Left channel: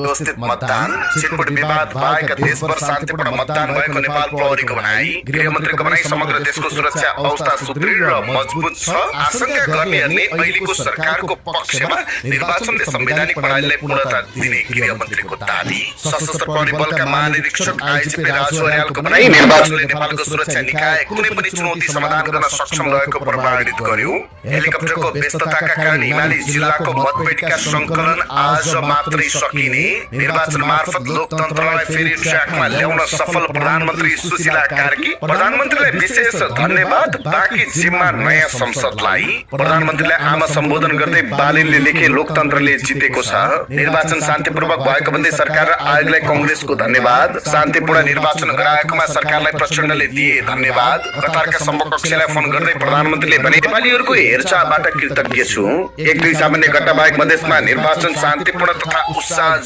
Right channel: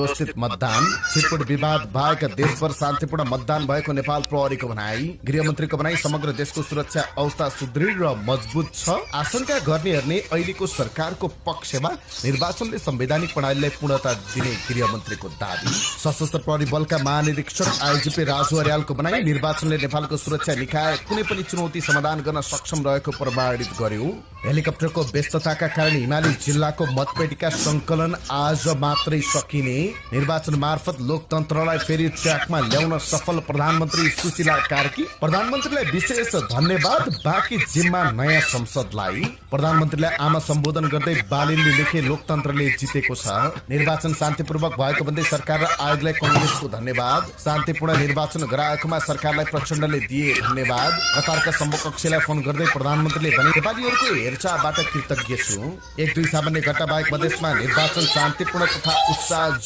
व्यवस्थित मतदान, छिटपुट विवाद बाहेक देशभर शान्तिपूर्ण मतदान भएको नेपाल प्रहरीको भनाई, गृहमन्त्रीको भनाई समग्र देशको सुरक्षा अवस्था सुदृढ र मजबुत छ। आशंका गर्नेहरूले अहिलेको सरकारको पक्षमा निर्वाचन र संवैधानिक प्रणालीलाई पूर्णता दिने गृहमन्त्रीको दाबी। सशस्त्र प्रहरी बलका महानिरीक्षक आइजिपी राजु अर्यालको भनाई, निर्वाचनले नेपालको सुरक्षा निकाय कुनै पनि चुनौती समाधान गर्न सक्षम रहेको प्रमाणित गर्यो। हेलिकप्टरको व्यस्तताका कारण हिमाली जिल्लाको मतपेटिका सङ्कलन आज मात्रै सकिने, निर्वाचन मार्फत लोकतन्त्रलाई फेरि ट्र्याकमा ल्याउन सफल प्रधानमन्त्री सुशीला कार्की, प्रधानमन्त्रीलाई विशेष धन्यवाद, बाँकी जिम्मा नयाँ संसदलाई। प्रधानमन्त्रीलाई आमा सम्बोधन गर्दै बालीले लेखे लोकतन्त्रले जितेको छ, निर्वाचन शान्तिपूर्वक भएको भन्दै सरकार र आयोगलाई कांग्रेसको धन्यवाद, शान्तिपूर्ण निर्वाचन गराएकोमा सरकारलाई प्रचण्डले दिए धन्यवाद। कतारका समकक्षलाई फोन गर्दै प्रधानमन्त्रीले भने, नेपालीहरूको हेरचाहबाट कृतज्ञ छु। एक दुई सामान्य घटना बाहेक मधेसमा निर्वाचन शान्तिपूर्ण तथा उत्साहजनक